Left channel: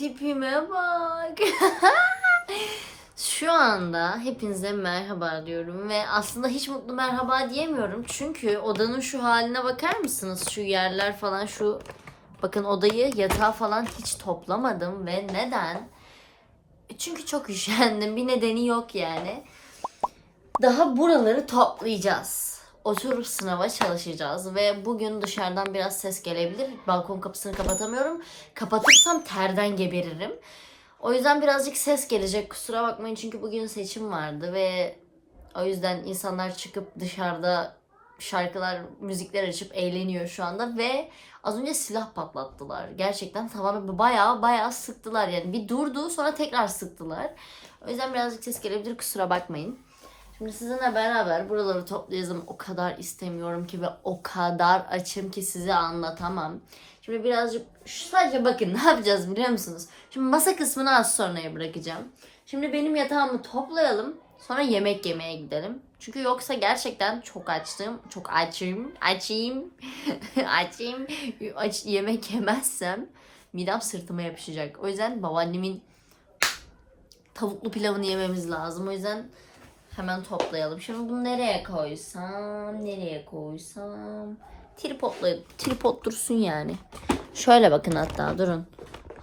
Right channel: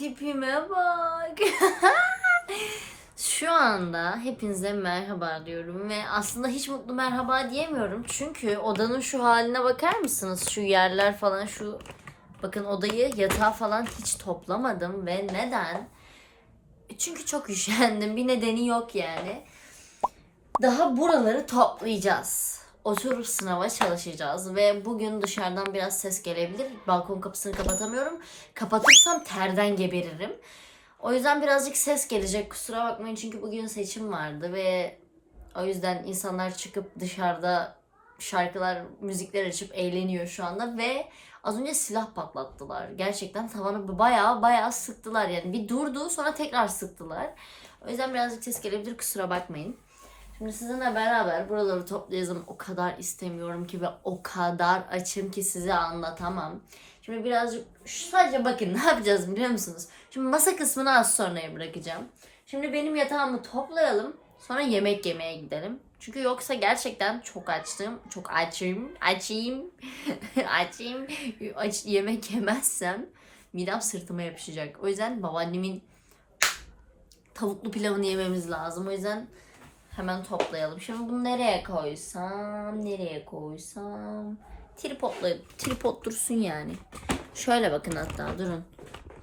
Tipime bak. Şu anda hepinize merhaba diyorum ve aslında hiç mutlu merhaba diyemiyorum. Çünkü odanın şu haline bakar mısınız? Şu yerler falan şu bakın odayı yatağı falan hiç toplamadım ve neden? Çünkü çok üşendim. Bir nedeni yok yani. Daha buraları toplayacağız. Oturup sınava çalışacağız ve bugün dışarıdan biraz ses gelebilir. Balkon kapısını kapatamıyorum. Kapatırsam terden geberirim. O yüzden birazcık ses gelecek. Kusura bakmayın çünkü bugün seçim vardı ve o yüzden insanlar çıkıp dışarıda şarkılar, müzikler açıp eğleniyor şu anda ve az önce silah patlattılar. Gerçekten tavanı bayağı bayağı sıktılar yani. Bir durdu sonra tekrar sıktılar. O yüzden birazcık ses gelebilir kusura bakmayın. Şimdi sizinle beraber buraları toplayalım. O kadar istemiyorum ki ve o kadar açım ki size anlatamam. Şimdi birazcık sadece bakın ne yapacağız biliyor musunuz? Şimdi masa kısmını az sonraya bırakacağım. Şimdi benim yatağımı toplayalım. Sonra yemek yemeye gidelim. Çünkü yoksa gerçekten çok açtım. Çok açım. Açayım. açayım. Aç, yemek yemezsem midem sırtıma yapışacak. O yüzden babaannemin tavuklu pilavını yememiz lazım. O yüzden hemen toplayalım. Şimdi bunu nereye koysam? Nereye koysam? Tripodla, tripod dursun yani. Şöyle bakın hatta durun.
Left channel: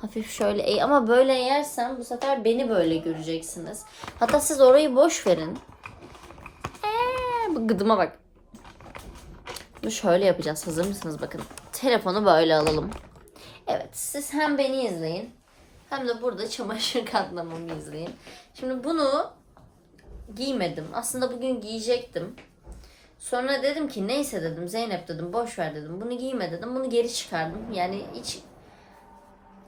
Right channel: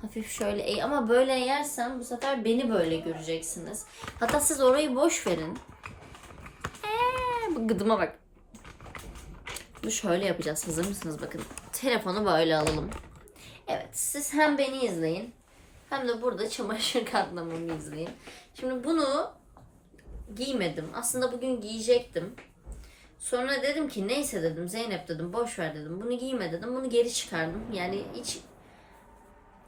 Hafif şöyle eğ ama böyle eğersem bu sefer beni böyle göreceksiniz. Hatta siz orayı boş verin. Ee, bu gıdıma bak. Bunu şöyle yapacağız. Hazır mısınız? Bakın. Telefonu böyle alalım. Evet. Siz hem beni izleyin. Hem de burada çamaşır katlamamı izleyin. Şimdi bunu giymedim. Aslında bugün giyecektim. Sonra dedim ki neyse dedim Zeynep dedim boş ver dedim. Bunu giyme dedim. Bunu geri çıkardım. Yani hiç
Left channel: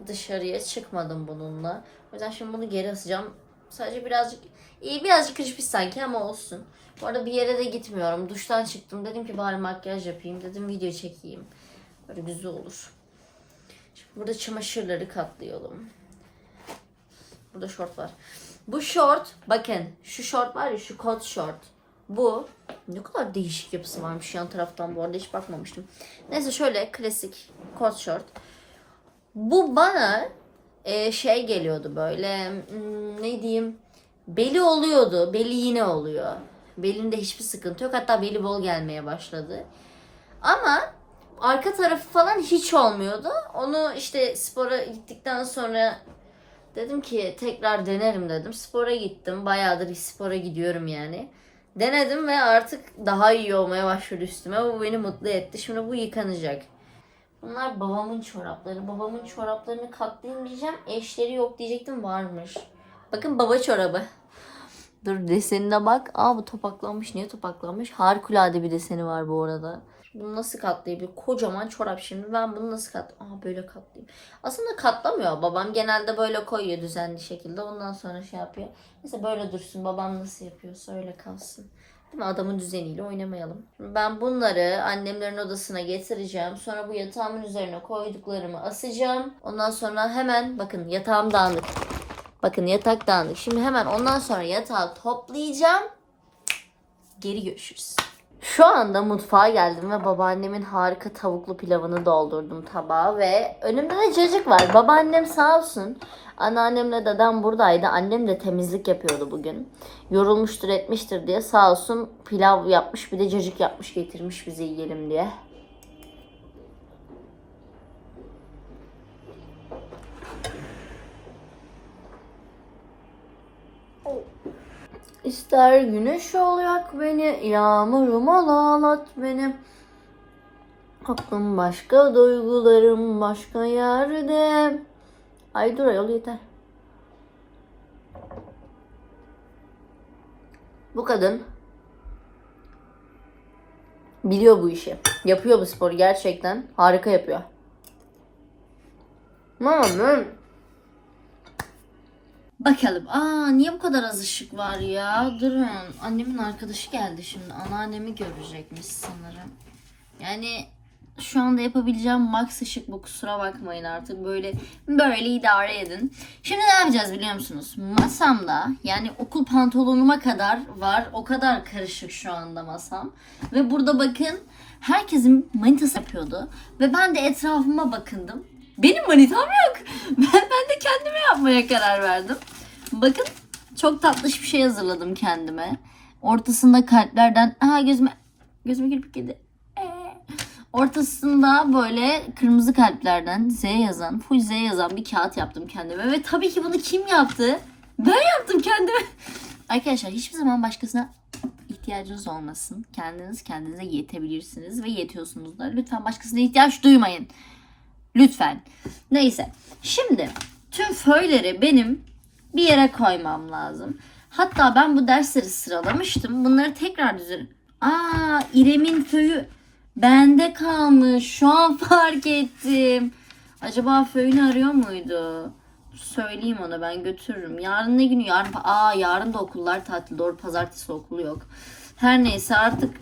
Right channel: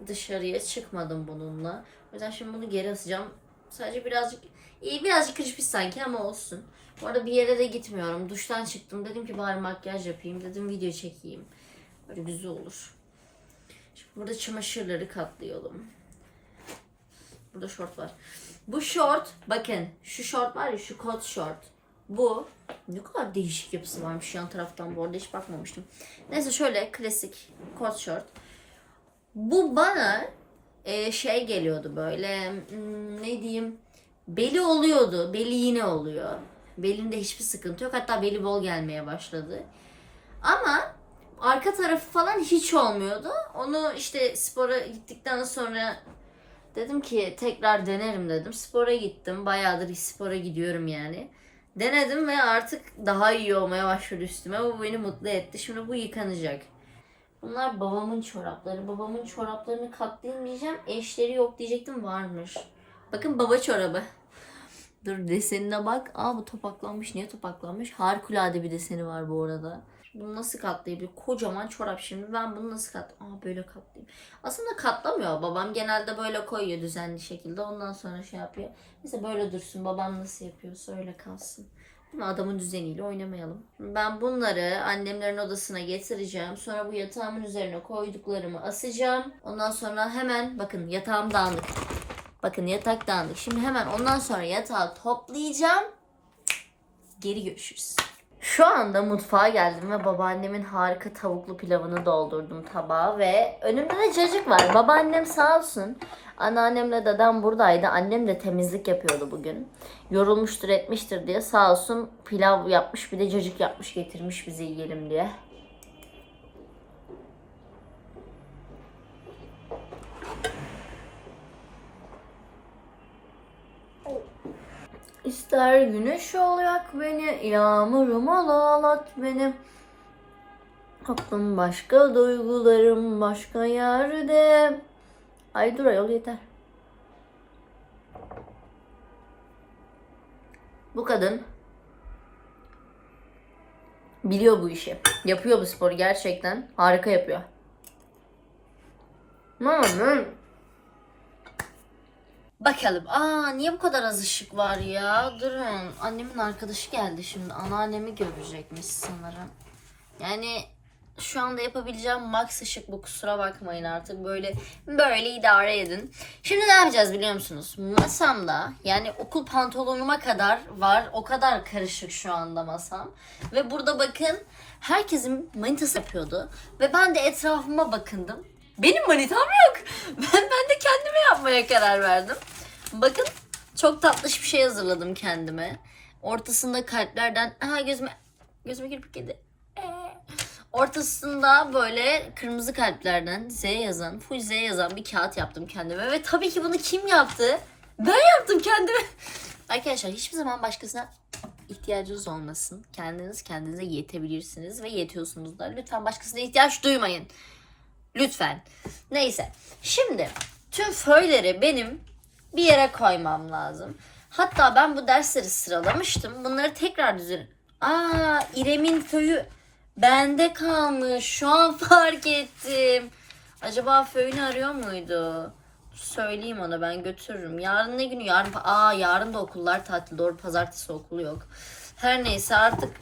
dışarıya çıkmadım bununla. O yüzden şimdi bunu geri asacağım. Sadece birazcık iyi birazcık pis sanki ama olsun. Bu arada bir yere de gitmiyorum. Duştan çıktım. Dedim ki bari makyaj yapayım. Dedim video çekeyim. Böyle güzel olur. Şimdi burada çamaşırları katlayalım. Burada şort var. Bu şort bakın şu şort var ya şu kot şort. Bu ne kadar değişik yapısı varmış yan taraftan bu arada hiç bakmamıştım. Neyse şöyle klasik kot şort. Bu bana e, şey geliyordu böyle hmm, ne diyeyim beli oluyordu. Beli yine oluyor. Belinde hiçbir sıkıntı yok. Hatta beli bol gelmeye başladı. Ama arka tarafı falan hiç olmuyordu. Onu işte spora gittikten sonra dedim ki tekrar denerim dedim. Spora gittim. Bayağıdır spora gidiyorum yani. Denedim ve artık daha iyi olmaya başladı üstüme. Bu beni mutlu etti. Şimdi bu yıkanacak. Bunlar babamın çorapları. Babamın çoraplarını katlayayım diyeceğim. Eşleri yok diyecektim varmış. Bakın baba çorabı. Dur desenine bak. Aa bu topaklanmış. Niye topaklanmış? Harikulade bir deseni var bu arada. Bunu nasıl katlayabilir? Kocaman çorap şimdi. Ben bunu nasıl kat... Aa böyle katlayayım. Aslında katlamıyor. Babam genelde böyle koyuyor düzenli şekilde. Ondan sonra şey yapıyor. Neyse böyle dursun. Babam nasıl yapıyorsa öyle kalsın. Değil mi? Adamın düzeniyle oynamayalım. Ben bunları annemlerin odasına getireceğim. Sonra bu yatağımın üzerine koyduklarımı asacağım. Ondan sonra hemen bakın yatağım dağınık. Bakın yatak dağınık. Şimdi hemen ondan sonra yatağı toplayacağım. Geri görüşürüz. Şu anda mutfağa geldim ve babaannemin harika tavuklu pilavını doldurdum tabağa ve önümde de cacık var. Babaannem sağ olsun. Anneannemle dedem buradaydı. Annem de temizlik yapıyordu bugün. Yorulmuştur etmiştir diye sağ olsun pilav yapmış bir de cacık yapmış getirmiş bize yiyelim diye. İster güneş ol yak beni, yağmurum ol ağlat beni. Aklım başka, duygularım başka yerde. Ay dur ayol yeter. Bu kadın biliyor bu işi. Yapıyor bu sporu gerçekten. Harika yapıyor. Mama Bakalım. Aa niye bu kadar az ışık var ya? Durun. Annemin arkadaşı geldi şimdi. Anneannemi görecekmiş sanırım. Yani şu anda yapabileceğim max ışık bu. Kusura bakmayın artık. Böyle böyle idare edin. Şimdi ne yapacağız biliyor musunuz? Masamda yani okul pantolonuma kadar var. O kadar karışık şu anda masam. Ve burada bakın herkesin manitası yapıyordu. Ve ben de etrafıma bakındım. Benim manitam yok. Ben, ben de kendi yapmaya karar verdim. Bakın çok tatlış bir şey hazırladım kendime. Ortasında kalplerden... Aha gözüme... Gözüme kirpik yedi. Ee. Ortasında böyle kırmızı kalplerden Z yazan, full Z yazan bir kağıt yaptım kendime. Ve tabii ki bunu kim yaptı? Ben yaptım kendime. Arkadaşlar hiçbir zaman başkasına ihtiyacınız olmasın. Kendiniz kendinize yetebilirsiniz ve yetiyorsunuz da. Lütfen başkasına ihtiyaç duymayın. Lütfen. Neyse. Şimdi tüm föyleri benim bir yere koymam lazım. Hatta ben bu dersleri sıralamıştım. Bunları tekrar düzen... Aa İrem'in föyü bende kalmış. Şu an fark ettim. Acaba föyünü arıyor muydu? Söyleyeyim ona ben götürürüm. Yarın ne günü? Yarın aa yarın da okullar tatil. Doğru pazartesi okulu yok. Her neyse artık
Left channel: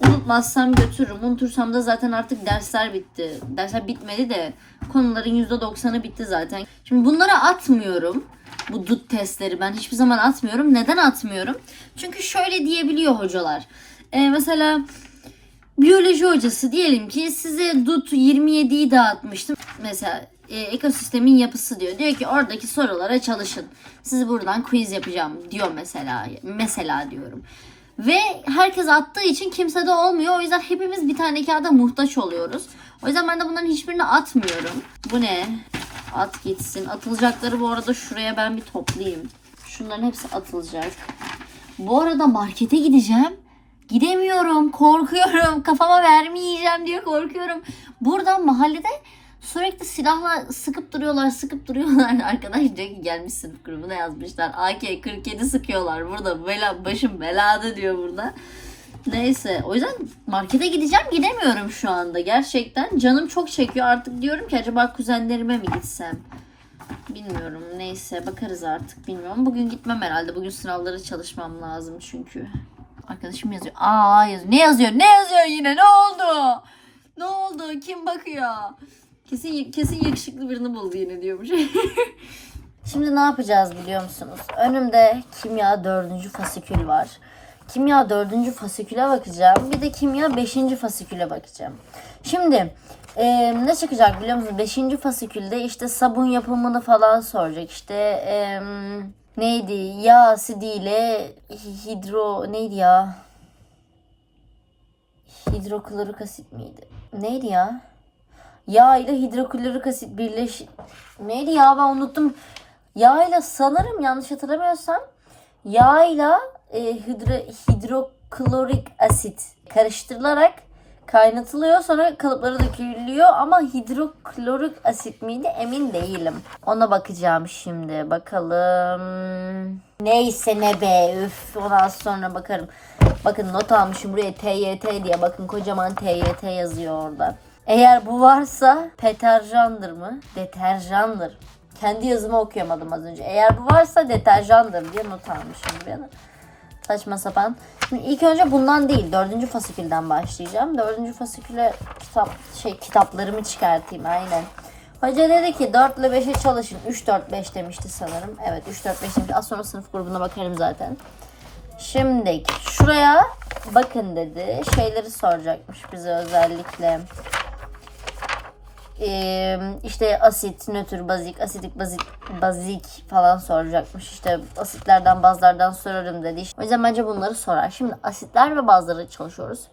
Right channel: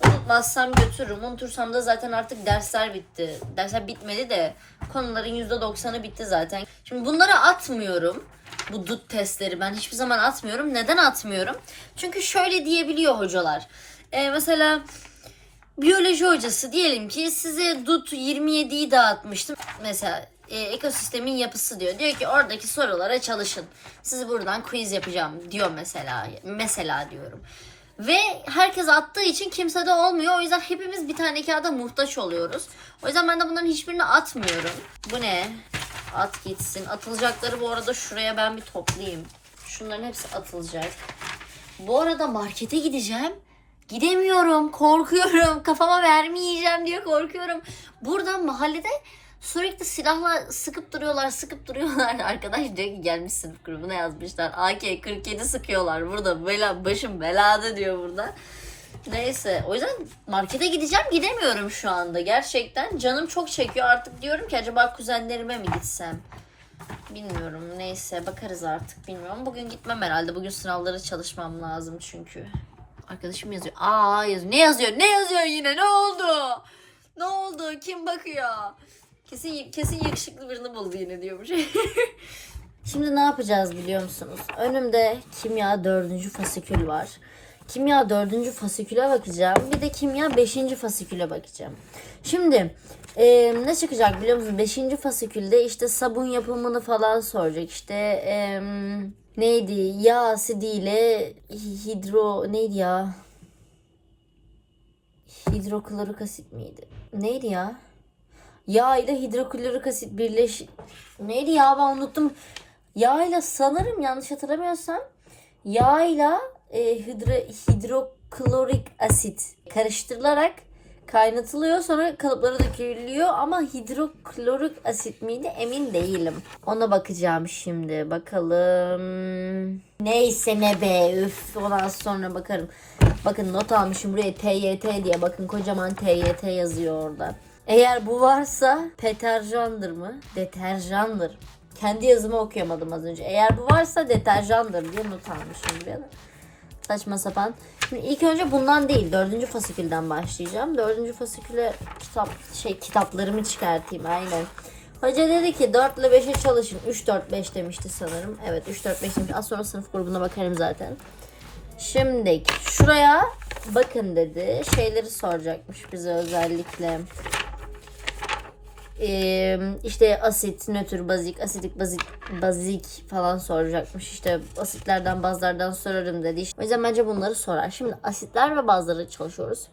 unutmazsam götürürüm. Unutursam da zaten artık dersler bitti. Dersler bitmedi de konuların %90'ı bitti zaten. Şimdi bunları atmıyorum. Bu dut testleri ben hiçbir zaman atmıyorum. Neden atmıyorum? Çünkü şöyle diyebiliyor hocalar. Ee, mesela biyoloji hocası diyelim ki size DUT 27'yi dağıtmıştım. Mesela e, ekosistemin yapısı diyor. Diyor ki oradaki sorulara çalışın. Sizi buradan quiz yapacağım diyor mesela. Mesela diyorum. Ve herkes attığı için kimse de olmuyor. O yüzden hepimiz bir tane kağıda muhtaç oluyoruz. O yüzden ben de bunların hiçbirini atmıyorum. Bu ne? At gitsin. Atılacakları bu arada şuraya ben bir toplayayım. Şunların hepsi atılacak. Bu arada markete gideceğim. Gidemiyorum. Korkuyorum. Kafama vermeyeceğim diye korkuyorum. Buradan mahallede sürekli silahla sıkıp duruyorlar, sıkıp duruyorlar. Arkadaş diyor ki gelmiş sınıf grubuna yazmışlar. AK-47 sıkıyorlar burada. Bela, başım belada diyor burada. Neyse o yüzden markete gideceğim gidemiyorum şu anda gerçekten. Canım çok çekiyor artık diyorum ki acaba kuzenlerime mi gitsem? Bilmiyorum neyse bakarız artık bilmiyorum. Bugün gitmem herhalde. Bugün sınavlara çalışmam lazım çünkü. Arkadaşım yazıyor. Aa yazıyor. Ne yazıyor? Ne yazıyor yine? Ne oldu? Ne oldu? Kim bakıyor? Kesin kesin yakışıklı birini buldu yine diyormuş. Şimdi ne yapacağız biliyor musunuz? Önümde kimya dördüncü fasikül var. Kimya dördüncü fasiküle bakacağım. Bir de kimya beşinci fasiküle bakacağım. Şimdi e, ne çıkacak biliyor musunuz? Beşinci fasikülde işte sabun yapımını falan soracak. İşte e, neydi? Yağ asidiyle hidro neydi ya? Hidroklorik asit miydi? Neydi ya? Yağ ile hidroklorik asit birleş... Neydi ya ben unuttum. Yağ ile sanırım yanlış hatırlamıyorsam yağ ile e, hidro, hidroklorik asit karıştırılarak kaynatılıyor sonra kalıplara dökülüyor ama hidroklorik asit miydi emin değilim. Ona bakacağım şimdi bakalım. Neyse ne be üf ondan sonra bakarım. Bakın not almışım buraya TYT diye bakın kocaman TYT yazıyor orada. Eğer bu varsa deterjandır mı? Deterjandır. Kendi yazımı okuyamadım az önce. Eğer bu varsa deterjandır diye not almışım buraya da. Saçma sapan. Şimdi ilk önce bundan değil dördüncü fasikülden başlayacağım. Dördüncü fasiküle kitap, şey kitaplarımı çıkartayım aynen. Hoca dedi ki 4 ile 5'e çalışın. 3 4 5 demişti sanırım. Evet 3 4 5 demiş. Az sonra sınıf grubuna bakarım zaten. Şimdi şuraya bakın dedi. Şeyleri soracakmış bize özellikle. Ee, işte asit, nötr, bazik, asidik, bazik, bazik falan soracakmış. İşte asitlerden, bazlardan sorarım dedi. O yüzden bence bunları sorar. Şimdi asitler ve bazları çalışıyoruz.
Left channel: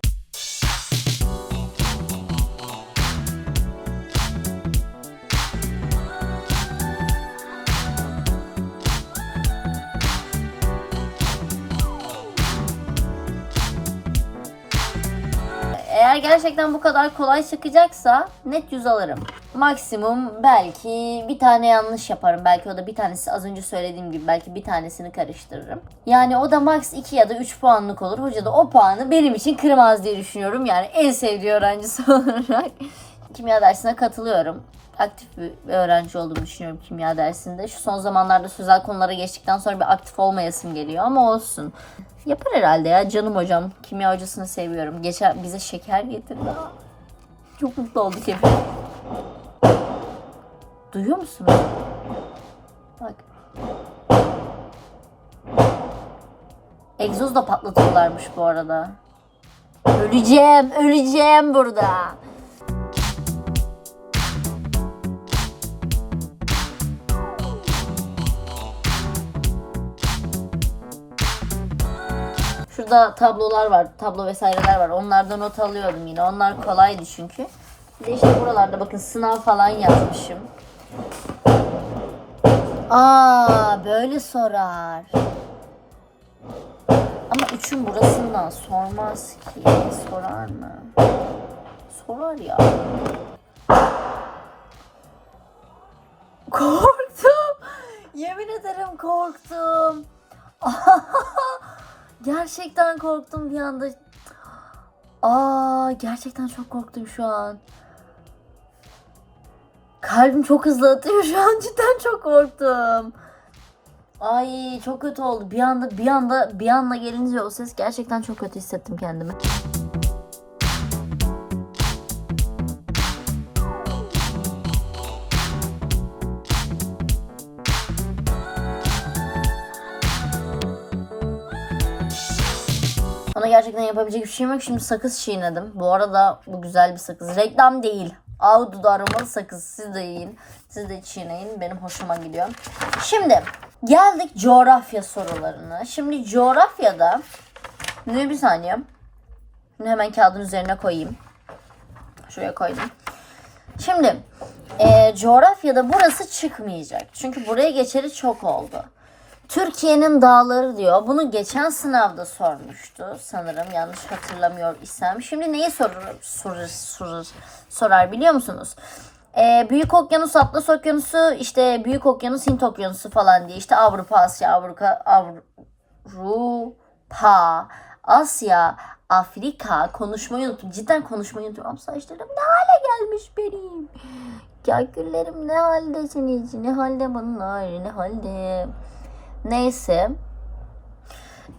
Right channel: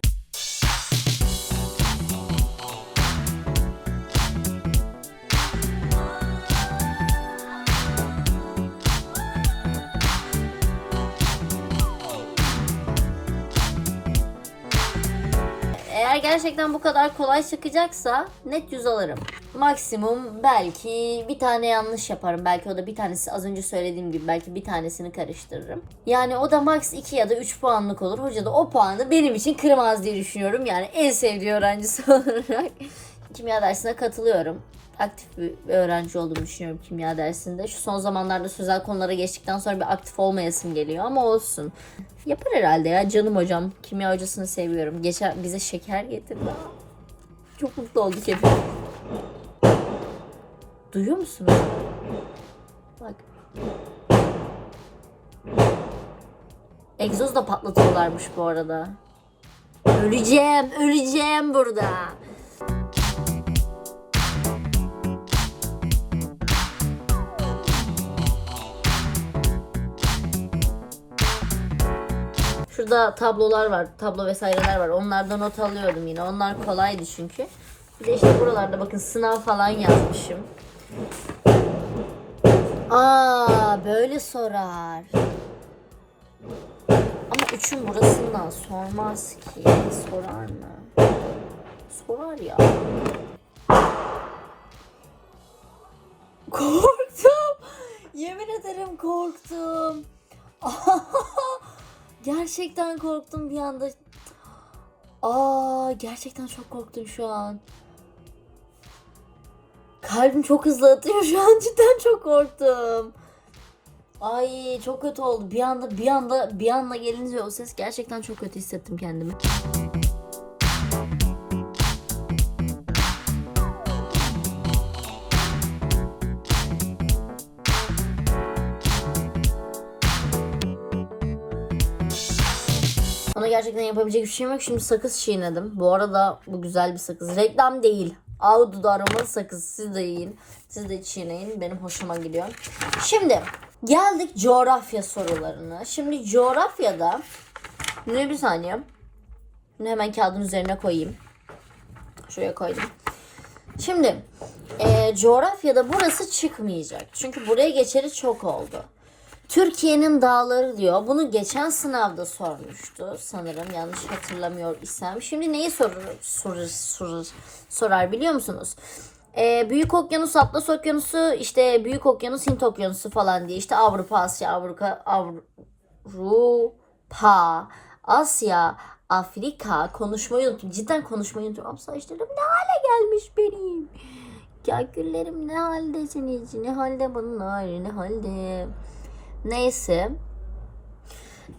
Gerçekten bu kadar kolay çıkacaksa net 100 alırım. Maksimum belki bir tane yanlış yaparım. Belki o da bir tanesi az önce söylediğim gibi belki bir tanesini karıştırırım. Yani o da max 2 ya da 3 puanlık olur. Hoca da o puanı benim için kırmaz diye düşünüyorum. Yani en sevdiği öğrencisi olarak kimya dersine katılıyorum. Aktif bir öğrenci olduğumu düşünüyorum kimya dersinde. Şu son zamanlarda sözel konulara geçtikten sonra bir aktif olmayasım geliyor ama olsun. Yapar herhalde ya canım hocam. Kimya hocasını seviyorum. Geçen bize şeker getirdi. Çok mutlu olduk hep. Duyuyor musun? Bak. Egzoz da patlatıyorlarmış bu arada. Öleceğim, öleceğim burada. Şurada tablolar var. Tablo vesaireler var. Onlardan not alıyordum yine. Onlar kolaydı çünkü. Bir de işte buralarda bakın sınav falan yazmışım. Aa böyle sorar. Ama üçün burasından sormaz ki. Sorar mı? Sorar ya. Korktum. Yemin ederim korktum. gerçekten korktum bir anda. Aa gerçekten çok korktum şu an. Kalbim çok hızlı atıyor şu an cidden çok korktum. Ay çok kötü oldu. Bir anda bir anda bir anda gelince o ses gerçekten çok kötü hissettim kendimi. Ona gerçekten yapabilecek bir şeyim yok. Şimdi sakız çiğnedim. Bu arada bu güzel bir sakız. Reklam değil. Ahududu aromalı sakız. Siz de yiyin. Siz de çiğneyin. Benim hoşuma gidiyor. Şimdi geldik coğrafya sorularına. Şimdi coğrafyada ne bir saniye. Bunu hemen kağıdın üzerine koyayım. Şuraya koydum. Şimdi e, coğrafyada burası çıkmayacak. Çünkü buraya geçeri çok oldu. Türkiye'nin dağları diyor. Bunu geçen sınavda sormuştu sanırım yanlış hatırlamıyor isem. Şimdi neyi sorur, sorur, sorur, sorar biliyor musunuz? Ee, Büyük Okyanus, Atlas Okyanusu, işte Büyük Okyanus, Hint Okyanusu falan diye işte Avrupa, Asya, Avrupa, Avrupa, Asya, Afrika konuşmayı unuttum. Cidden konuşmayı unuttum. Saçlarım ne hale gelmiş benim. Ya güllerim ne halde senin ne halde bunlar, ne halde. Neyse.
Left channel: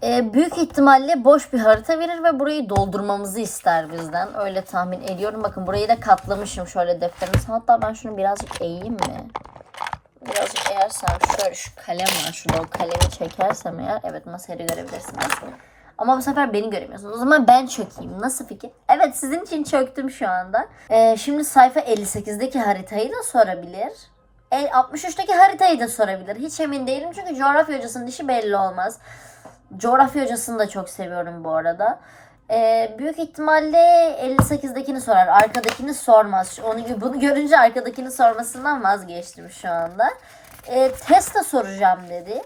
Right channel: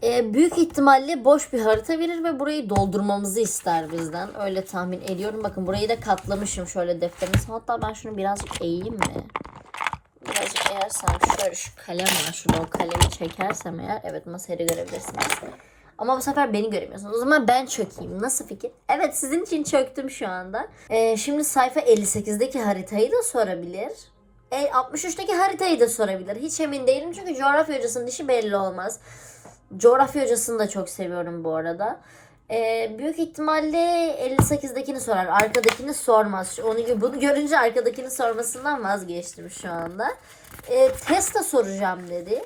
Ee, büyük ihtimalle boş bir harita verir ve burayı doldurmamızı ister bizden. Öyle tahmin ediyorum. Bakın burayı da katlamışım şöyle defterimiz. Hatta ben şunu birazcık eğeyim mi? Birazcık eğersem şöyle şu kalem var. Şurada o kalemi çekersem eğer. Evet masayı görebilirsiniz. Ama bu sefer beni göremiyorsunuz. O zaman ben çökeyim. Nasıl fikir? Evet sizin için çöktüm şu anda. Ee, şimdi sayfa 58'deki haritayı da sorabilir. E, 63'teki haritayı da sorabilir. Hiç emin değilim çünkü coğrafya hocasının işi belli olmaz. Coğrafya hocasını da çok seviyorum bu arada. Ee, büyük ihtimalle 58'dekini sorar. Arkadakini sormaz. Onu bunu görünce arkadakini sormasından vazgeçtim şu anda. Ee, Tesla soracağım dedi.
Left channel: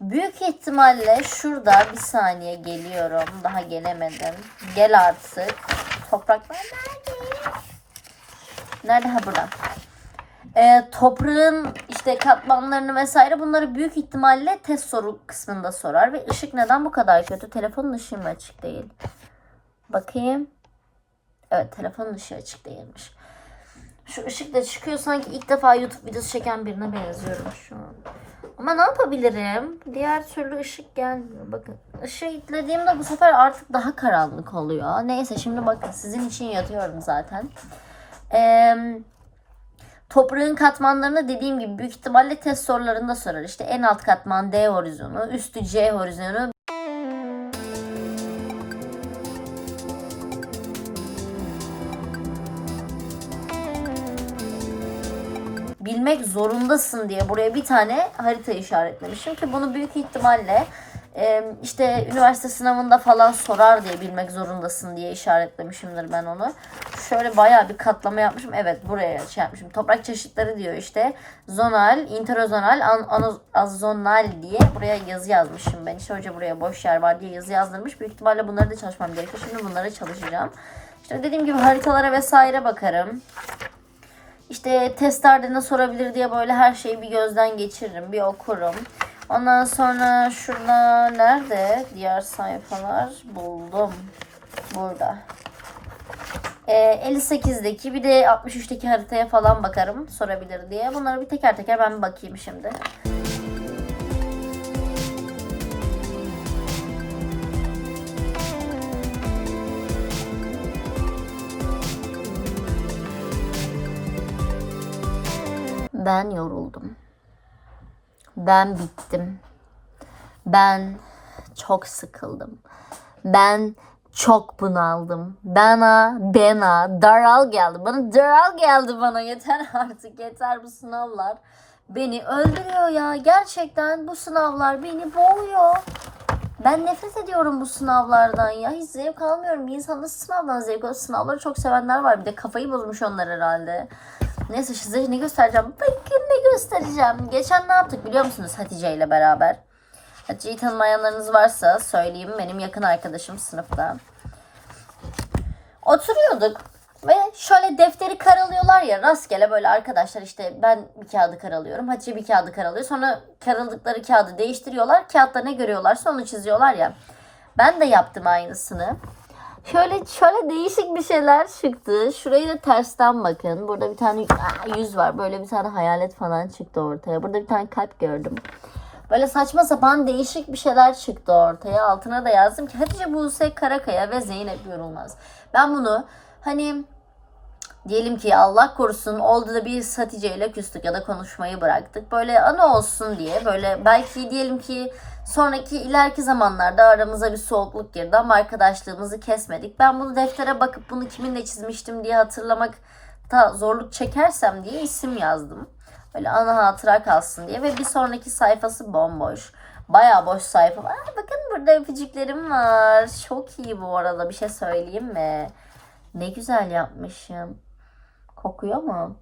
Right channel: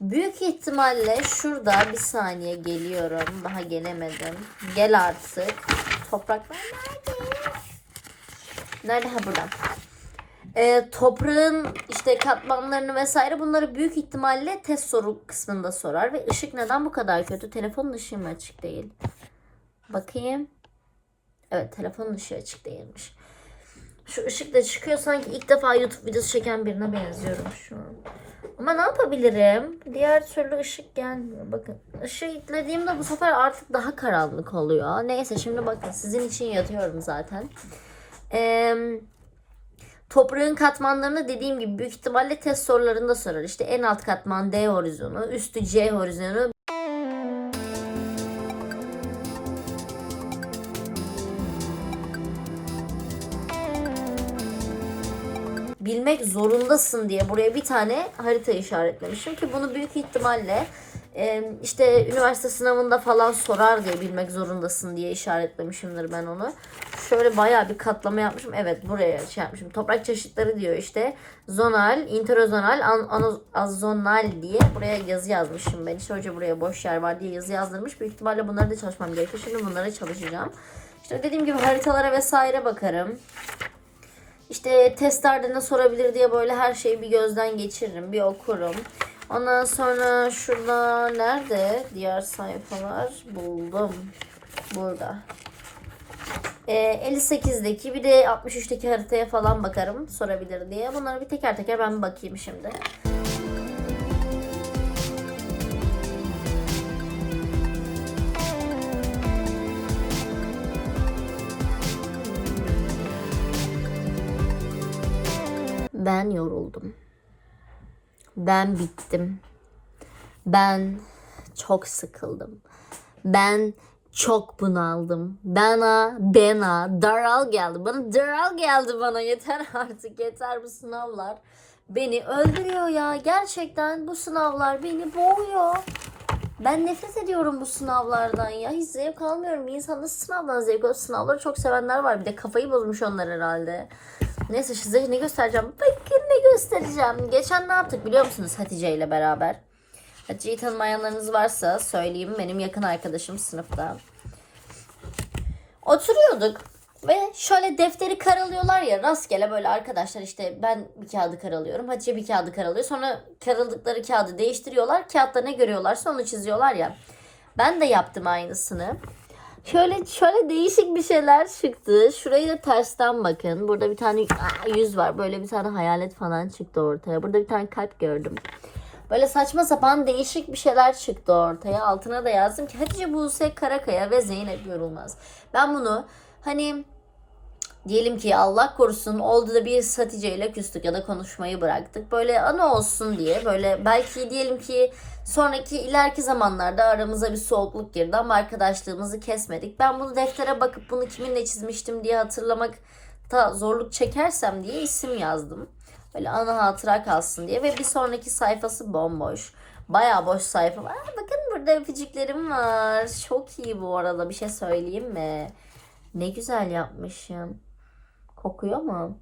Büyük ihtimalle şurada bir saniye geliyorum. Daha gelemedim. Gel artık. Topraklar nerede? Nerede? Ha burada e, toprağın işte katmanlarını vesaire bunları büyük ihtimalle test soru kısmında sorar. Ve ışık neden bu kadar kötü? Telefonun ışığı mı açık değil? Bakayım. Evet telefonun ışığı açık değilmiş. Şu ışık da çıkıyor sanki ilk defa YouTube videosu çeken birine benziyorum şu an. Ama ne yapabilirim? Diğer türlü ışık gelmiyor. Bakın ışığı itlediğimde bu sefer artık daha karanlık oluyor. Neyse şimdi bakın sizin için yatıyorum zaten. Eee Toprağın katmanlarını dediğim gibi büyük ihtimalle test sorularında sorar. İşte en alt katman D horizonu, üstü C horizonu. Bilmek zorundasın diye buraya bir tane harita işaretlemişim ki bunu büyük ihtimalle işte üniversite sınavında falan sorar diye bilmek zorundasın diye işaretlemişimdir ben onu. Şöyle bayağı bir katlama yapmışım. Evet buraya şey yapmışım. Toprak çeşitleri diyor işte. Zonal, interozonal, an, azonal diye buraya yazı yazmışım ben. İşte hoca buraya boş yer var diye yazı yazdırmış. Büyük ihtimalle bunları da çalışmam gerekiyor. Şimdi bunları çalışacağım. İşte dediğim gibi haritalara vesaire bakarım. İşte testlerde ne sorabilir diye böyle her şeyi bir gözden geçiririm, bir okurum. Ondan sonra şurada nerede diğer sayfalar buldum. Burada. Ee, 58'deki bir de 63'teki haritaya falan bakarım sorabilir diye. Bunları bir teker teker ben bakayım şimdi. Ben yoruldum. Ben bittim. Ben çok sıkıldım. Ben çok bunaldım. Bana, bana daral geldi. Bana daral geldi bana. Yeter artık. Yeter bu sınavlar. Beni öldürüyor ya. Gerçekten bu sınavlar beni boğuyor. Ben nefret ediyorum bu sınavlardan ya. Hiç zevk almıyorum. Bir nasıl sınavdan zevk alır? Sınavları çok sevenler var. Bir de kafayı bozmuş onlar herhalde. Neyse size ne göstereceğim? Bakın ne göstereceğim. Geçen ne yaptık biliyor musunuz Hatice ile beraber? Hatice'yi tanımayanlarınız varsa söyleyeyim. Benim yakın arkadaşım sınıfta. Oturuyorduk ve şöyle defteri karalıyorlar ya rastgele böyle arkadaşlar işte ben bir kağıdı karalıyorum. Hatice bir kağıdı karalıyor. Sonra karaladıkları kağıdı değiştiriyorlar. Kağıtta ne görüyorlarsa onu çiziyorlar ya. Ben de yaptım aynısını. Şöyle şöyle değişik bir şeyler çıktı. Şurayı da tersten bakın. Burada bir tane Aa, yüz var. Böyle bir tane hayalet falan çıktı ortaya. Burada bir tane kalp gördüm. Böyle saçma sapan değişik bir şeyler çıktı ortaya. Altına da yazdım ki Hatice Buse Karakaya ve Zeynep Yorulmaz. Ben bunu hani diyelim ki Allah korusun oldu da bir Hatice ile küstük ya da konuşmayı bıraktık. Böyle ana olsun diye böyle belki diyelim ki sonraki ileriki zamanlarda aramıza bir soğukluk girdi ama arkadaşlığımızı kesmedik. Ben bunu deftere bakıp bunu kiminle çizmiştim diye hatırlamakta zorluk çekersem diye isim yazdım. Böyle ana hatıra kalsın diye ve bir sonraki sayfası bomboş. Bayağı boş sayfa var. Bakın burada öpücüklerim var. Çok iyi bu arada bir şey söyleyeyim mi? Ne güzel yapmışım. Kokuyor mu?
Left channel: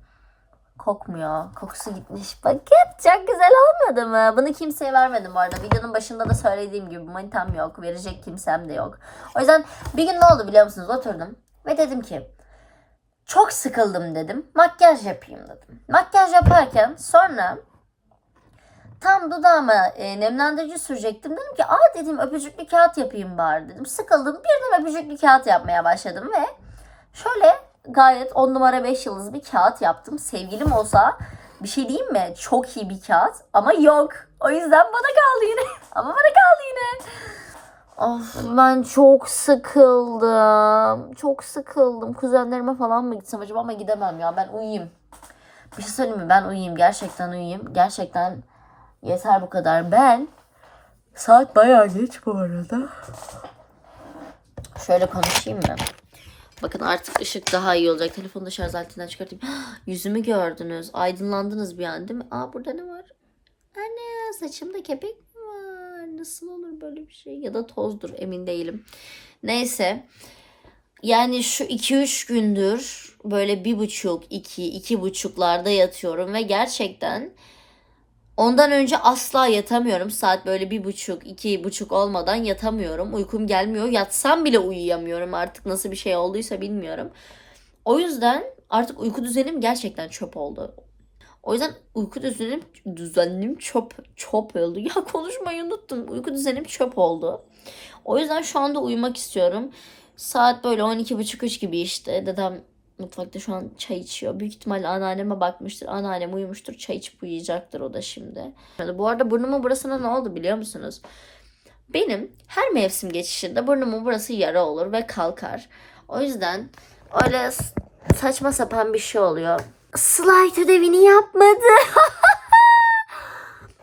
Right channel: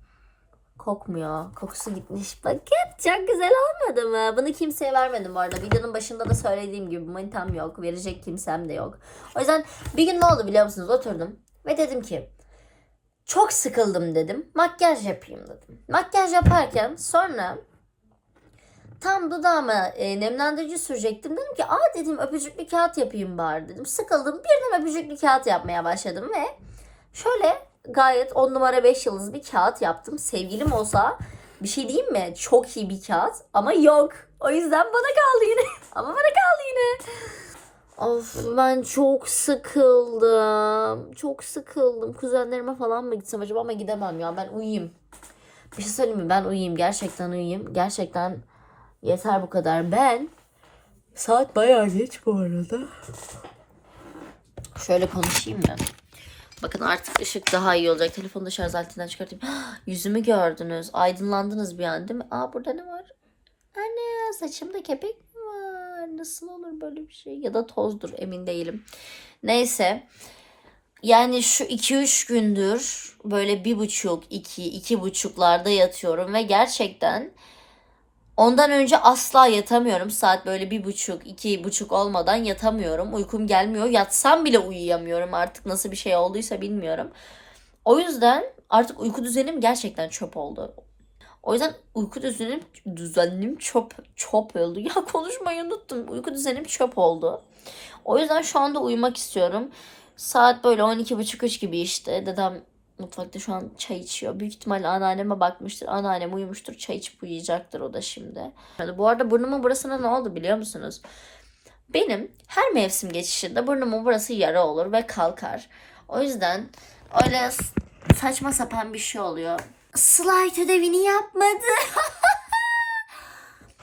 Kokmuyor. Kokusu gitmiş. Bakın çok güzel olmadı mı? Bunu kimseye vermedim bu arada. Videonun başında da söylediğim gibi manitam yok. Verecek kimsem de yok. O yüzden bir gün ne oldu biliyor musunuz? Oturdum ve dedim ki çok sıkıldım dedim. Makyaj yapayım dedim. Makyaj yaparken sonra tam dudağıma e, nemlendirici sürecektim. Dedim ki aa dedim öpücüklü kağıt yapayım bari dedim. Sıkıldım birden öpücüklü kağıt yapmaya başladım ve şöyle gayet 10 numara 5 yıldız bir kağıt yaptım. Sevgilim olsa bir şey diyeyim mi? Çok iyi bir kağıt ama yok. O yüzden bana kaldı yine. ama bana kaldı yine. Of ben çok sıkıldım. Çok sıkıldım. Kuzenlerime falan mı gitsem acaba ama gidemem ya. Ben uyuyayım. Bir şey söyleyeyim mi? Ben uyuyayım. Gerçekten uyuyayım. Gerçekten yeter bu kadar. Ben saat bayağı geç bu arada. Şöyle konuşayım mı? Bakın artık ışık daha iyi olacak. Telefonu da şarj aletinden çıkartayım. Yüzümü gördünüz. Aydınlandınız bir an değil mi? Aa burada ne var? Anne saçımda kepek mi var? Nasıl olur böyle bir şey? Ya da tozdur emin değilim. Neyse. Yani şu 2-3 gündür böyle bir buçuk, iki, iki buçuklarda yatıyorum ve gerçekten ondan önce asla yatamıyorum. Saat böyle bir buçuk, iki buçuk olmadan yatamıyorum. Uykum gelmiyor. Yatsam bile uyuyamıyorum artık nasıl bir şey olduysa bilmiyorum. O yüzden artık uyku düzenim gerçekten çöp oldu. O yüzden uyku düzenim düzenim çöp çöp oldu. Ya konuşmayı unuttum. Uyku düzenim çöp oldu. O yüzden şu anda uyumak istiyorum. Saat böyle 12.30-3 gibi işte. Dedem mutfakta şu an çay içiyor. Büyük ihtimalle anneanneme bakmıştır. Anneannem uyumuştur. Çay içip uyuyacaktır o da şimdi. Bu arada burnumun burasına ne oldu biliyor musunuz? Benim her mevsim geçişinde burnumun burası yara olur ve kalkar. O yüzden öyle saçma sapan bir şey oluyor. Slide ödevini yapmadı.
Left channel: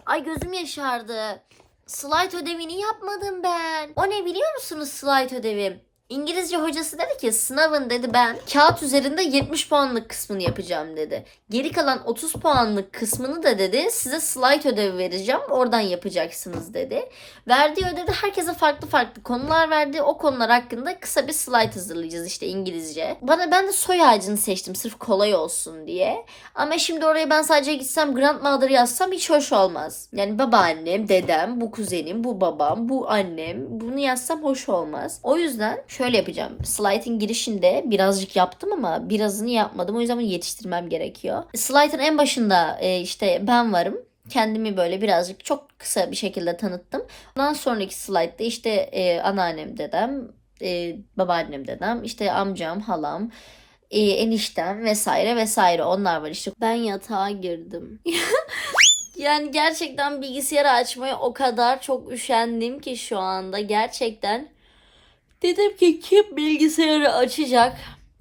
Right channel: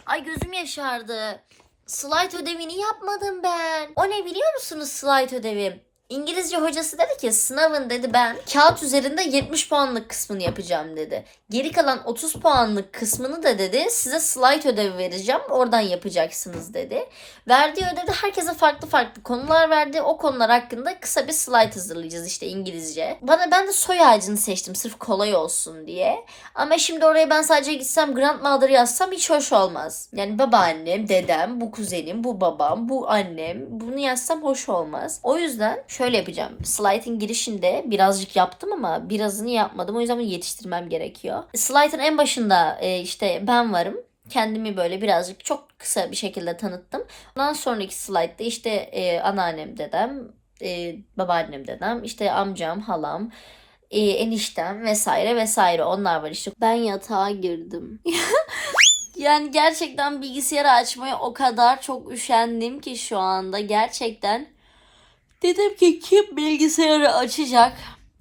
Ay gözüm yaşardı. Slide ödevini yapmadım ben. O ne biliyor musunuz slide ödevim? İngilizce hocası dedi ki sınavın dedi ben kağıt üzerinde 70 puanlık kısmını yapacağım dedi. Geri kalan 30 puanlık kısmını da dedi size slide ödevi vereceğim oradan yapacaksınız dedi. Verdiği ödevde herkese farklı farklı konular verdi. O konular hakkında kısa bir slide hazırlayacağız işte İngilizce. Bana ben de soy ağacını seçtim sırf kolay olsun diye. Ama şimdi oraya ben sadece gitsem grandmother yazsam hiç hoş olmaz. Yani babaannem, dedem, bu kuzenim, bu babam, bu annem. Bunu yazsam hoş olmaz. O yüzden şöyle yapacağım. Slide'in girişinde birazcık yaptım ama birazını yapmadım. O yüzden bunu yetiştirmem gerekiyor. Slide'ın en başında e, işte ben varım. Kendimi böyle birazcık çok kısa bir şekilde tanıttım. Ondan sonraki slide'da işte e, anneannem, dedem, e, babaannem, dedem, işte amcam, halam, e, eniştem vesaire vesaire onlar var işte. Ben yatağa girdim. yani gerçekten bilgisayarı açmaya o kadar çok üşendim ki şu anda gerçekten. Dedim ki kim bilgisayarı açacak?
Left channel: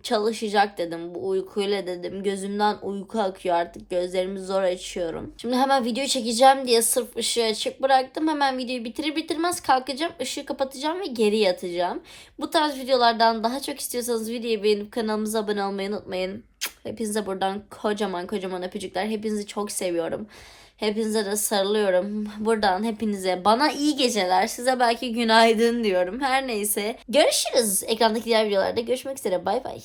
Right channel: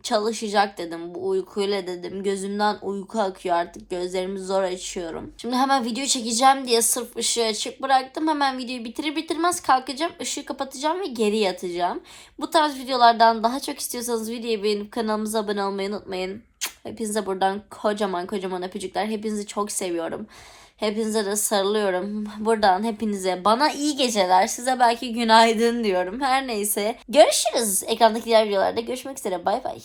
Çalışacak dedim bu uykuyla dedim. Gözümden uyku akıyor artık gözlerimi zor açıyorum. Şimdi hemen videoyu çekeceğim diye sırf ışığı açık bıraktım. Hemen videoyu bitirir bitirmez kalkacağım. ışığı kapatacağım ve geri yatacağım. Bu tarz videolardan daha çok istiyorsanız videoyu beğenip kanalımıza abone olmayı unutmayın. Hepinize buradan kocaman kocaman öpücükler. Hepinizi çok seviyorum. Hepinize de sarılıyorum. Buradan hepinize bana iyi geceler. Size belki günaydın diyorum. Her neyse. Görüşürüz. Ekrandaki diğer videolarda görüşmek üzere. Bay bay.